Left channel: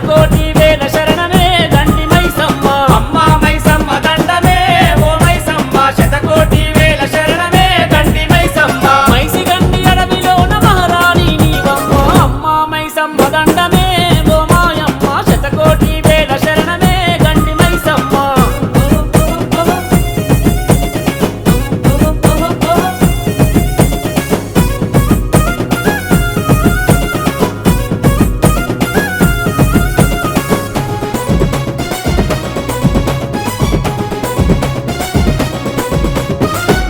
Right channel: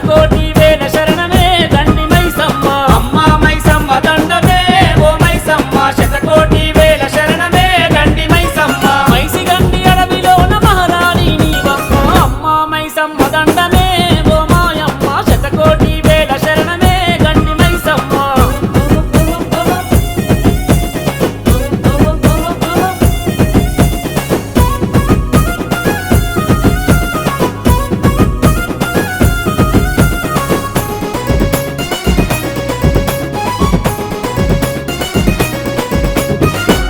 శతకోటి వేల శరణమే దండి మైసమ్మ అమ్మ మైసమ్మ దండమే ఓ మైసమ్మ శతకోటి వేల శరణమే దండి మైసమ్మ మైసి గండి అడవిలోన మహారాణి నీవమ్మ అమ్మ మైసమ్మ దండమే ఓ మాయమ్మ శతకోటి వేల శరణమే గండి మైసమ్మ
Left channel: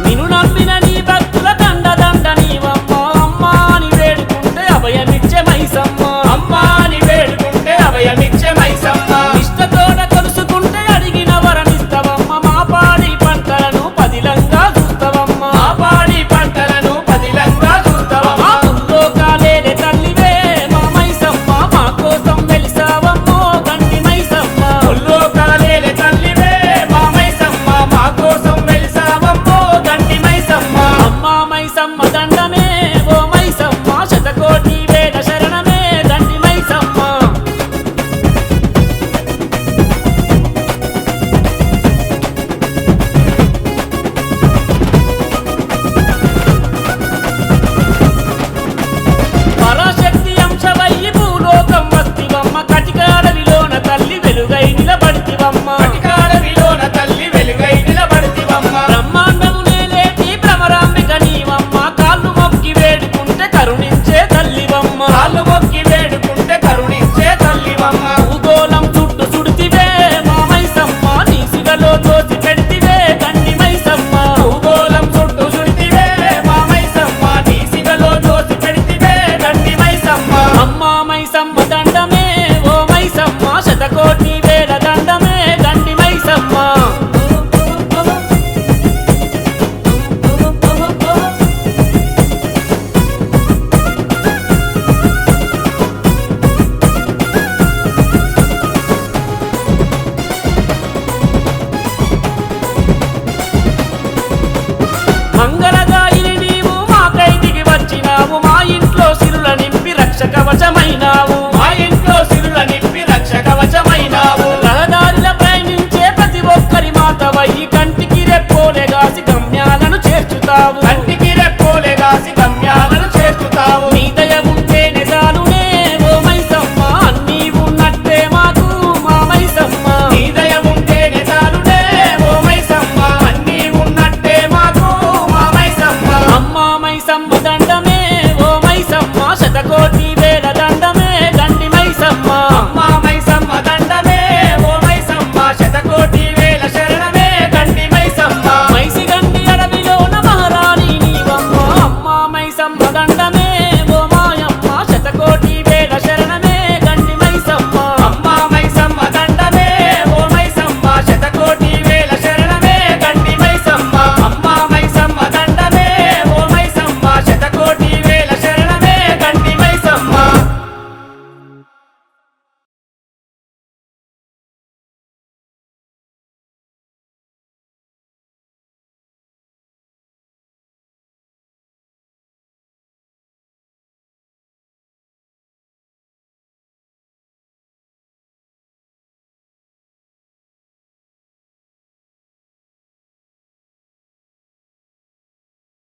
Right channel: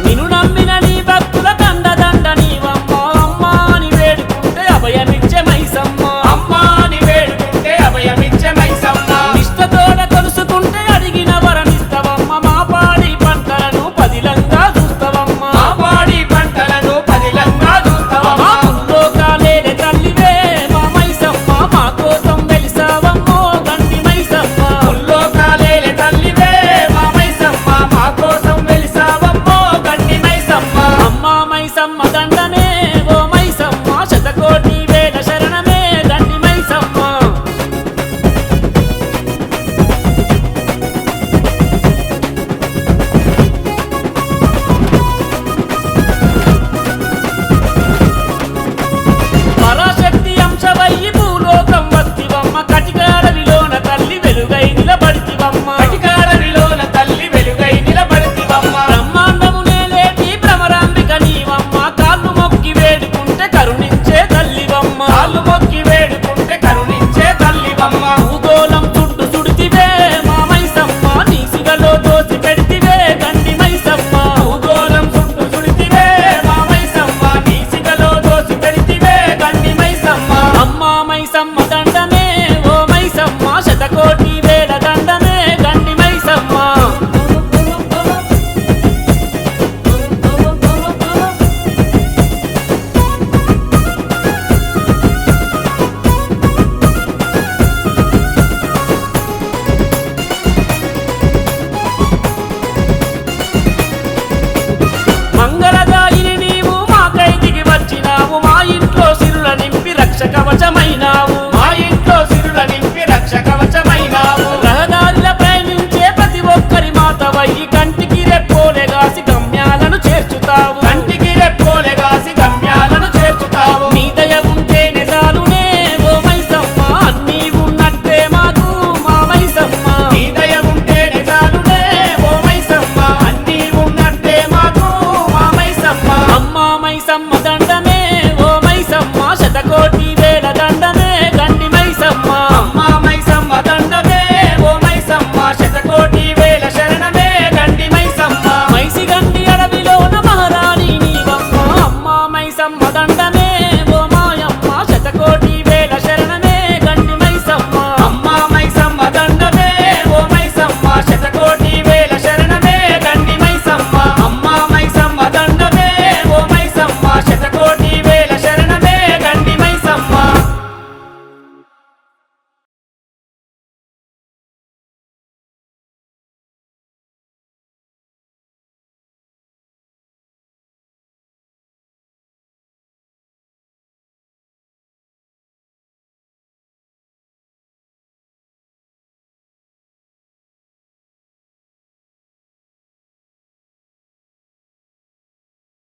నిన్ను నమ్మిన నీ భక్తుల దండ దండ నీవమ్మ అమ్మ అని వేడుకుంటే అభయమిచ్చే మైసమ్మ అమ్మ అని వేడుకుంటే అభయమిచ్చే మైసమ్మ నిష్టతోడ కొలుసుకుంటే అడిగిన వరమిస్తవమ్మ మా పాడి పంటలను పదిలంగా చూస్తవమ్మ మా పాడి పంటలను పదిలంగా చూస్తావమ్మ మా ముల్లోకాలేలే తల్లివే మా మైసమ్మ మా కోసం వెలిసావమ్మో గండి మైసమ్మ ముల్లోకాలేలే తల్లివే మా మైసమ్మ మా కోసం వెలిసావమ్మో గండి మైసమ్మ అమ్మ మైసమ్మ దండమే ఓ మైసమ్మ శతకోటి వేల శరణమే గండి మైసమ్మ పరాశక్తి అంశవయ్యి భూలోకం వస్తివమ్మ కటికాడవిలోన తల్లి వెలుగై నిలబడితివమ్మ అధికారవిలోన తల్లి వెలుగై నిలబడితివమ్మ బ్రహ్మాండము నేలేటి భ్రమరాంబిక నీవమ్మ కాళ్ళు మొక్కి వేడుకుంటే కరుణించే తల్లివమ్మ కాళ్ళు మొక్కి వేడుకుంటే కరుణించే తల్లివమ్మ భూగోళం చుట్టూ సుడితివే మా మైసమ్మ నీ సిగలో దోసి పెడితివే గండి మైసమ్మ భూగోళం చుట్టూ సుడితివే మా మైసమ్మ నీ సిగలో దోసి పెడితివే గండి మైసమ్మ అమ్మ మైసమ్మ దండమే ఓ మైసమ్మ శతకోటి వేల దండమే గండి మైసమ్మ మంగళదాయిని నీవు మాకై దిగి వచ్చినావు మా ఇంట్లో సిరుల నింపి రక్ష కవచమైనావు మా ఇంట్లో సిరుల నింపి రక్ష కవచమైనావు రహదారిల ప్రయాణించే ప్రతి ఒక్కరి మాతవయ్యి కంటికి రెప్పోలే గాసి